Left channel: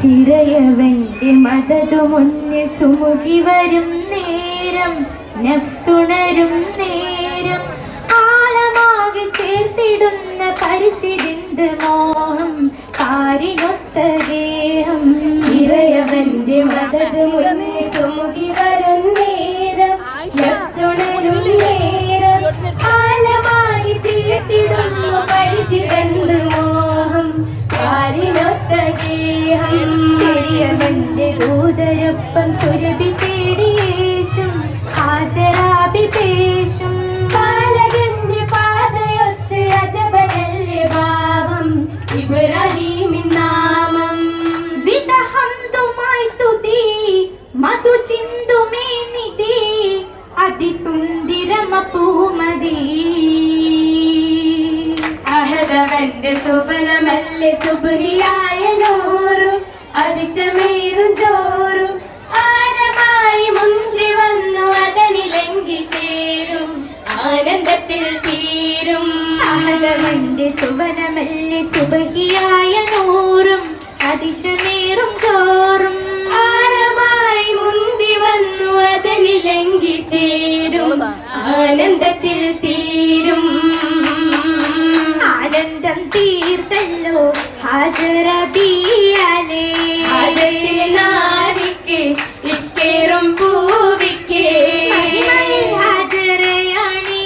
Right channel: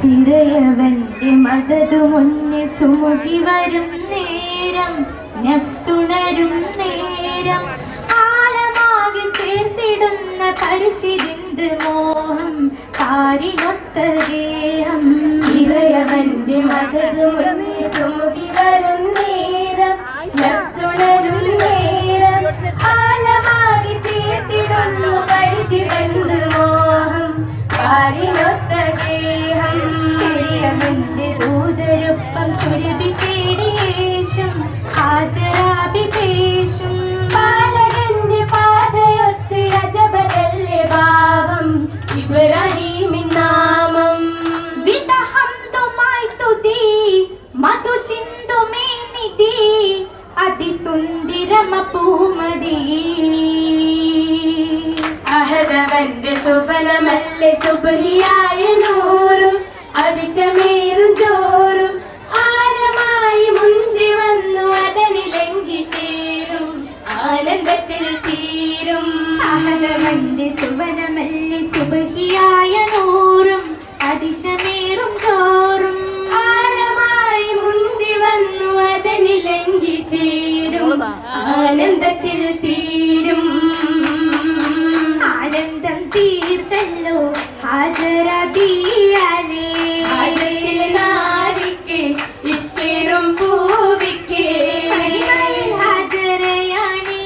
തിരയവന്റെ മദതു മുന്നിൽ സുമുഖി വരും നേരം, നഫ്സുണരും നേരം, ആഴമാകെ ചേർത്തിടുന്ന പരിശിരിന്ത് മോഹം, കാരിനൊത്ത ദേഹം. തിരയവന്റെ മദതു മുന്നിൽ സുമുഖി വരും നേരം, നഫ്സുണരും നേരം, ആഴമാകെ ചേർത്തിടുന്ന പരിശിരിന്ത് മോഹം, കാരിനൊത്ത ദേഹം. തിരയവന്റെ ദൂതരൊപ്പം സുരഭി തേടിയേശും, ഹാജരാബി പേശും, ബാലകന്റെ പാതയൊത്ത് അജബലല്ലേ ഭാവം, ഇബ്രാഹീമിൻ നാമം. വിതഹംതുമായി തുതി മധു ചിന്തുമേനിധി, അതിസുന്ദരമ പൂമതി. അഹദവന്റെ സുവനമല്ലേ സുബ്ഹിയായ നൂറും, അതിശമേറും ചോറും, ആരമായി മുന്തി വന്നു അതനിലെങ്കി ചേരും, ആനന്ദത്തിൽ തീരും. അഹദവന്റെ സുവനമല്ലേ സുബ്ഹിയായ നൂറും, അതിശമേറും ചോറും, ആരമായി മുന്തി വന്നു അതനിലെങ്കി ചേരും, ആനന്ദത്തിൽ തീരും. ആനന്ദം തീർത്തല്ലോ ഹാജറ ബിയാലേ, ഹാജറിലെ നാരിക്ക് ഇഷ്കേറും പൂവിക്ക് ഹാജറയാണേ,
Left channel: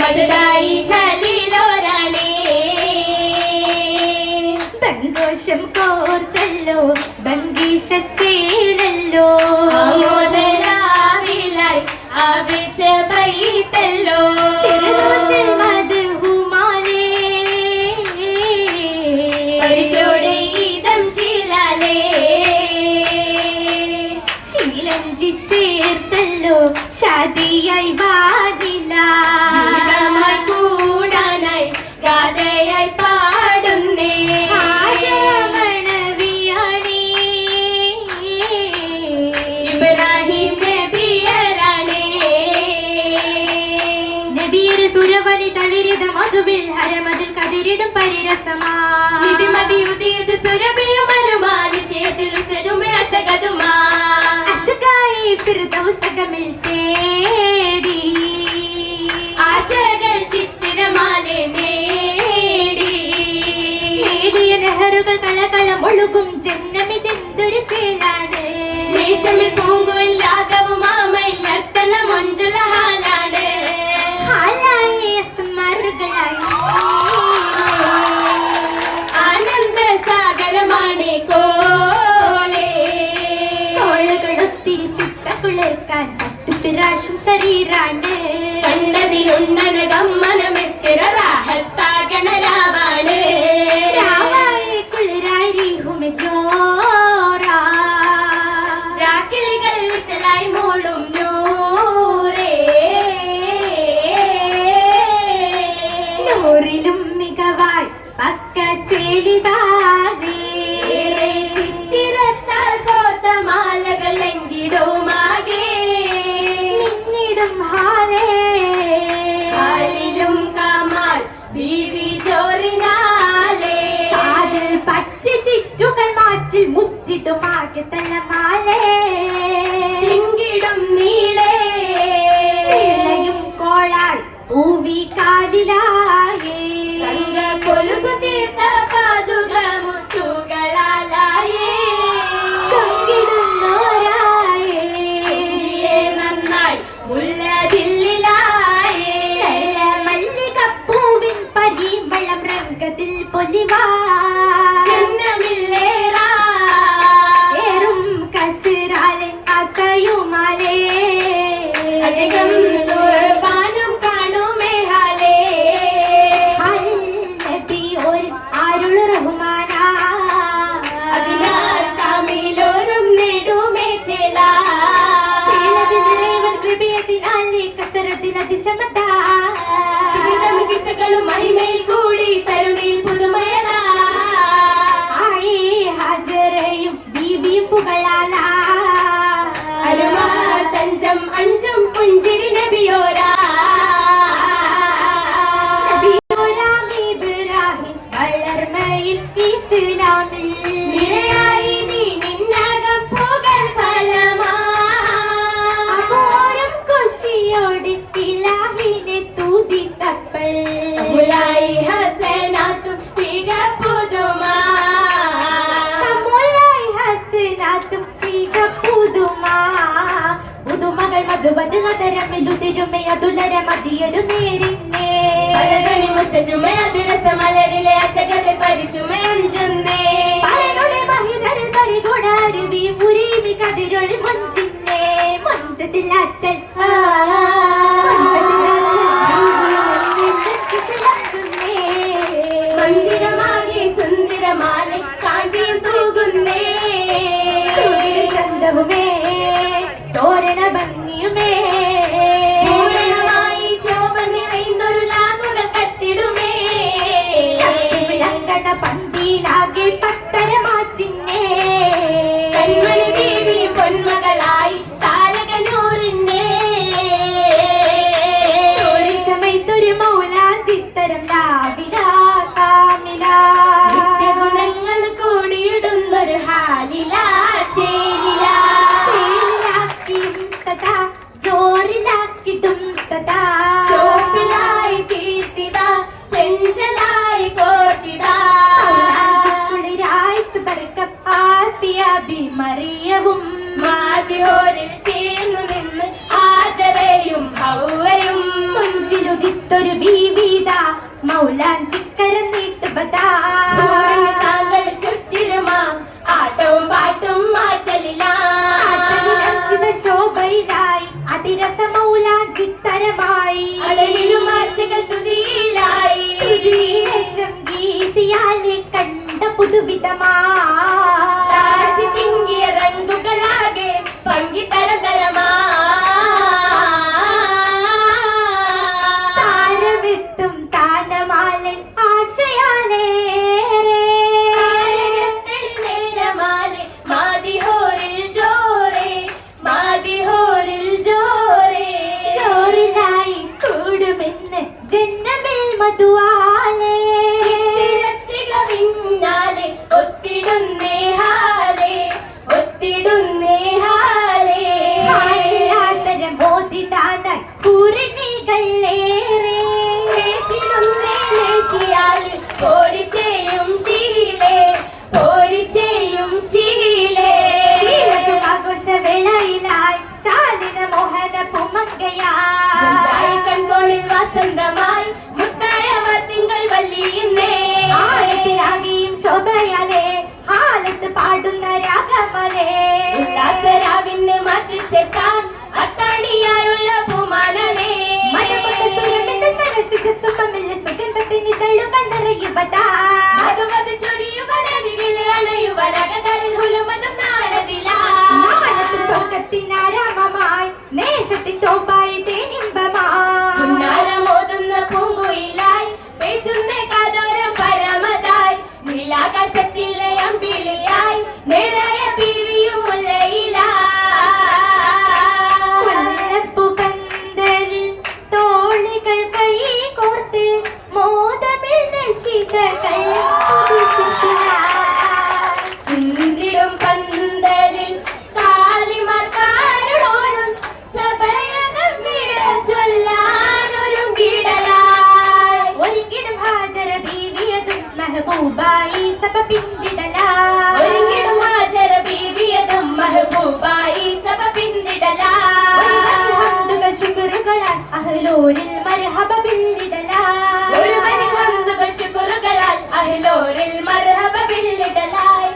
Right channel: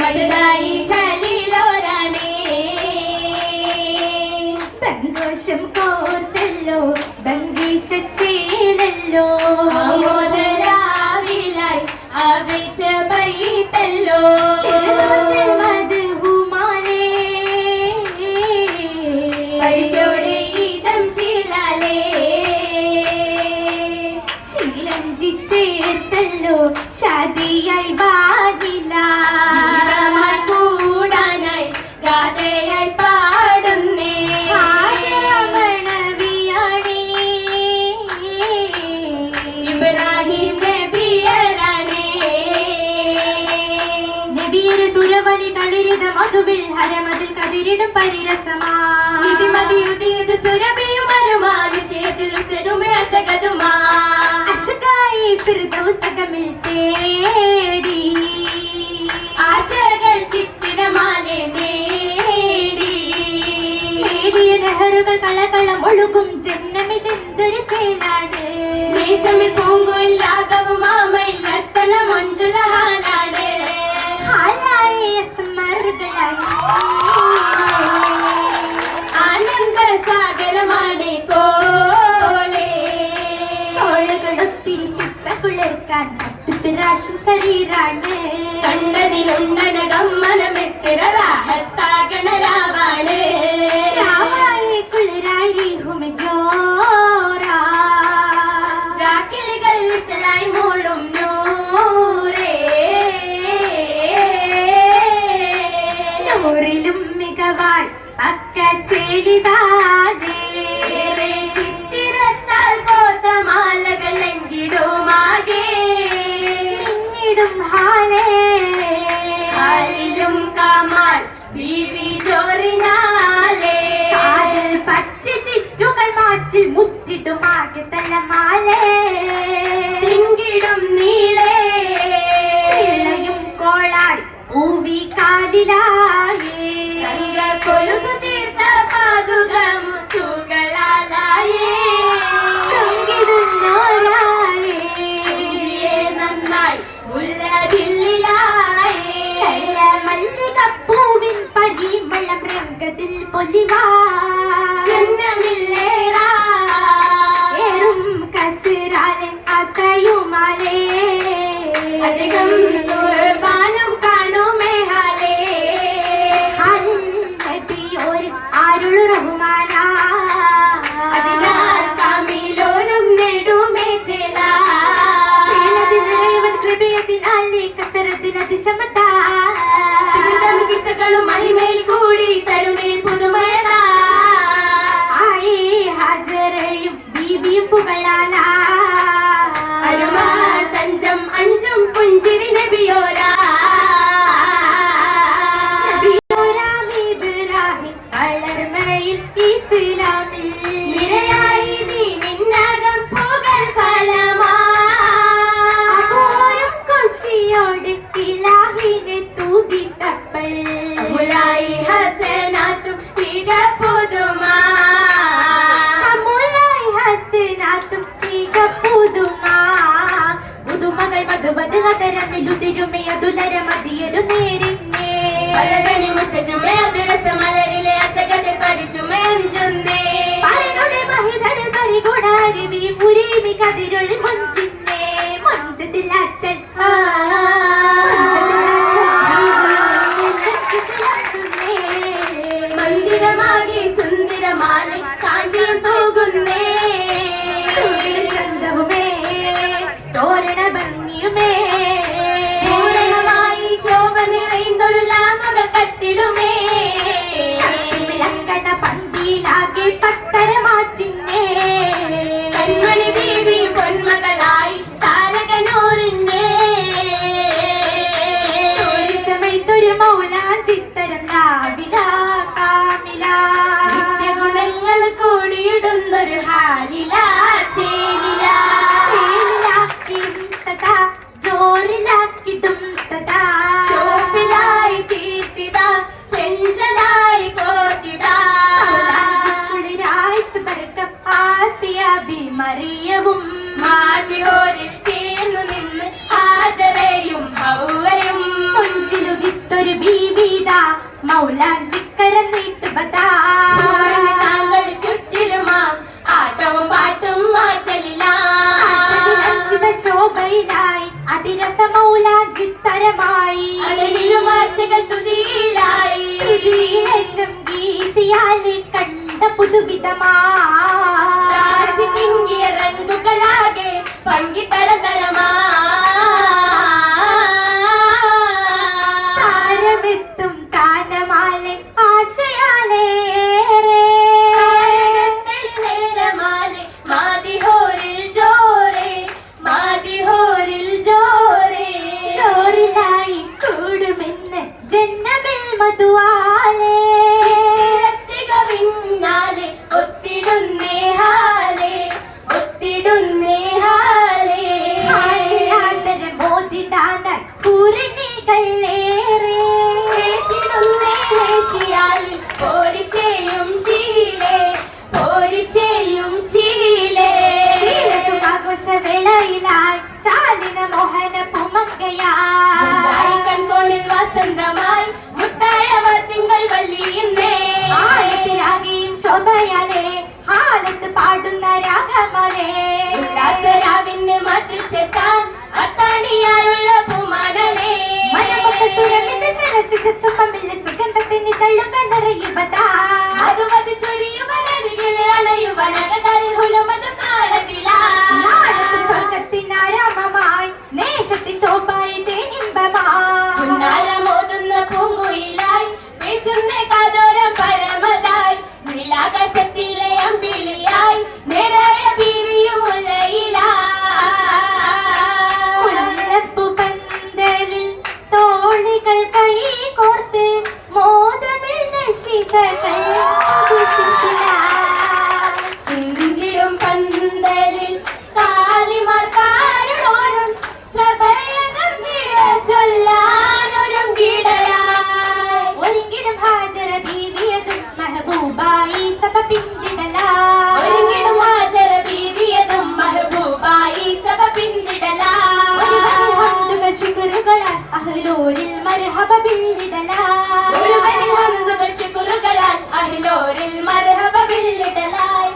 മടലായി ഖലീലോരാണേ. ബന്ധോഷം കോർത്തല്ലോ ബംഗീശച്ചേലല്ലോ, മോദരാവിലായി ആവേശബൈതല്ലോ, ചേർത്തല്ലോ ഷാദിയായി വാദിലായി കൂടാനായി ഗാഥയായി പാടുന്നേ, മണവിയാണേ ഇബ്രാഹിം നബിയരാണേ. നബിയര് സുരവനി തളിരിത മധുവിൽ ഹരമതിൽ കതിരിടും പരിരസമാ, ഇതിമതി ഉദീത് സുരഭിയും അരുമാ, നിശ്ചയത്തിൽ ഉശരുമേ അശകതുമാ, ഫിർദൗസകമിൽ തേടി ആശകൾ ചിത്തിരമാലെ നേടി, നേടിയ നെഹറുകൾ കളകളം ഒഴുകും ജന്മമിതെന്തൊരു ചേലാണ്, ദേശമിൽ പൂങ്കുയില്ലാകവും ആമയിൽ നർത്തന മൊഞ്ചുല ഹാലാണ്, ഹാലായി സ്മറുകളായി ആനന്ദ സാഗരമാണ് കോളേ, കോളകളൊത്തിരി കുളിർക്കാൻ ഫിറാഷും ശരീരാണ്, കണ്ടതിലുണ്ടനകം മനമെത്തിര റാഹത്താകണരാവാണ്, രാവായി കുളിരായി ഹുമജോറാ, രാക്കിളികൾ നിശലായി മൂളും നൂറേ, നൂറിലും മികവായി പക്ക ചേലിതാതെ, ചിത്തിരത്താൽ കോർത്ത മാലകൾ എങ്കിടുമാകെ ും കമാൽ ബീവി ജോറിനാലേ, കാതിൽ പച്ച ചിറ്റുകൾ മാറ്റിൽ മുറ്റിടുമാകെ തലമാലേ, തിങ്കിടും നീളേ ഇളയും കോളാൽ പൂവി കാലിലായേ, തങ്ക കൊലുസു തീർത്ത പാതുക മുത്തുകളാലായേ, ചൊങ്കിടുന്നോരായേ നന്നായി ഉള്ളതില്ലായേ, മല്ലികപ്പൂവിൻ പരിമളം രംഗത്തിൽ പൊലിവാ, ജന്മമില്ലേറാ ഏറും കസിറാലെ അസയുമാലേ, അധികം സുർബാനം കാണുമേ ഹാലേ, ഹാലിൽ നബി ഒരു ആരുളു റഹ്മാനാ, അതിനാൽ തമിലോരും നെടുമേ ചേല, ചേലതിലേവൻ കൃപയതിനാലേ കസരത്തിൽ അതിശമതാ, സുഗന്ധം കിസകളും മഹിമയിൽ കൂടി തരുണിൽ പുതുമയതാ, ആയേ ഹാജറയും ബീബിയും പുകളാലാ, അരുമാ തഞ്ചം അഞ്ചും പുഞ്ചിരി നബിയോരാ, നബിയോരാ ഇബ്രാഹിം വളർമയിൽ ഇസ്ലാമിൽ നിരയായി ദീനിന്നകം പുകൾ ഫലമാരും ഖുശിയോട് ഇലാഹിനെ തൂതിത്തപ്പോൾ മുലായി ഹസനാത്തും തിക പുതുമാ മുലായി ഹസനാത്തും തിക പുതുമാ പുതുമകൾ മധുവത് അതരമിലുതിരുമേ അതുലര മതിയരു നേരിന്നേ പലതനി മുഷജുമേ അതിരസമലരിലെ അശകത പരിശുമേഞ്ചുന്നേ പലരുടെ മഹിതർ പരിഗുണാരിവി മുരീമി കതിരൊളി മഞ്ചിന്നേ മഞ്ചതിലാറ്റൽ മന്ദിരമാകെ സുന്ദരമാലെ കാണ്ടിയും തൂകുന്നേ ചന്തവുമേ തോരണ ഭംഗിയുമേ പൂരണമായി ശോഭ നിറയുന്നൊരു ലാഭകൾ കത്തിടുമേ വിളങ്കണ പന്തിയിലാകെ പത്തര മാറ്റിന്നേ കൺമണി ദേവിയും പൊന്മകളായി താരകനൂറിന്നേ ചമയത്തൊരു മൗലാഞ്ചിത്തരം ലാവില കാമില നിത്യഗുണങ്ങൾ കൂടിയിടുന്നൊരു ഹാലില ചേലില ജോറിലാക്കിടും തഥാ ചോപ്പിലായി തീർത്തിത ചെഞ്ചലായി കോർത്തിതാ മറിയവും മാതിഹോരിൽ ചേർന്നു നിന്ന് ഹാജറയും ഹൗവയും മുഞ്ചിലുദിത്തൊരു ബീബീത മൗലാഞ്ചിക്കരം നീട്ടുപതാ ചുറ്റിലുമാ ആട്ടവും പാട്ടും മാറ്റലിലാ ശോഭയിലായി അതിരസമൗലാഞ്ചിത്തരമായി അലലിലും ആശകൾ തുതിയിലായി ഗീതിയാലെ കണ്ട പുതുവിധമാ തിങ്ങിയ റങ്കുകളാകെ പങ്കിത്തരതരമാ താരമെത്തും താനമാലെ ആശയാലേറെ നേരമാലെ മാതിഹോരിൽ ജോറെ മാതിഹോരിൽ ജോറെ ജോറിലായി കൂടുമെന്ന് ജന്മമിൽ മധുവാലേ പിന്നാലെ ഒത്തിടുന്നേ ഹാലേ ഒത്തിടുന്നേ ഹാലേ മോദിടാനായി പൂരണികളേറെ േശിയാളിൽ പോരിശയും ശീലേ പോരിശയും ശീലേ ആഘോഷവേളയിലായി ശാലിന മോഹന പുമങ്കയായി കൺകോണിൽ വസന്തമായി മുട്ടായവ തിങ്കൾ വല്ലിയുന്നേ ആയത്തിലാകെയും ശോഭയാലേ ഹാലത്ത് പാടുന്ന രാഗമലേ ഉല്ലാസരാവിന് മാറ്റിച്ചേർക്കാൻ അത്താണിയായുള്ള പൂമാനമേ മലമുഖത്തുരമിന്റെ സരസിക സുഖമില്ല സുഗന്ധത്തിന് തള്ളുകൾ നിറയുവതാ അതുമത് ചൊരിയുവനരികിലെ അണയുവനകടരിൽ ഹുലമതും നാളതിലാ സ്വർഗത്തിനാരാമമായി നേശത്തിൻ തോപ്പായി തേനിമ്പമായി ഉന്നാരമോതുന്ന പൂങ്കുയിലായി പേശുന്ന കാതോരം പരമതായി നീലാകാശത്തിലെ അമ്പിളിയായി നിറയ ബീവിയും മുല്ലയിലാപ്പുപന്തലിൽ തോണികൾ കൈ കോർത്ത് മോദമിൽ നിശിതകൾ ചിന്തിടും പന്തലിൽ കാലിമാർക്കാരുടോരും സഭയകം വിട ചൊല്ലാനൊരുങ്ങിടലായി ഒരുങ്ങിടും ഹാജറ ബീവിയതും മെഹബൂബായി സഭ പിന്തിടലായി ഒരുങ്ങിടും ഹാജറ ബീവിയതും മെഹബൂബായി സഭ പിന്തിടലായി ഹംദുകൾ ശുക്റുകളാൽ അഹ്ലൂരിൽ മർഹബ ബില്ലിടലായി ഒരുവനിൽ ഹംദുകൾ ശുക്റുകളാൽ അഹ്ലൂരിൽ മർഹബ ബില്ലിടലായി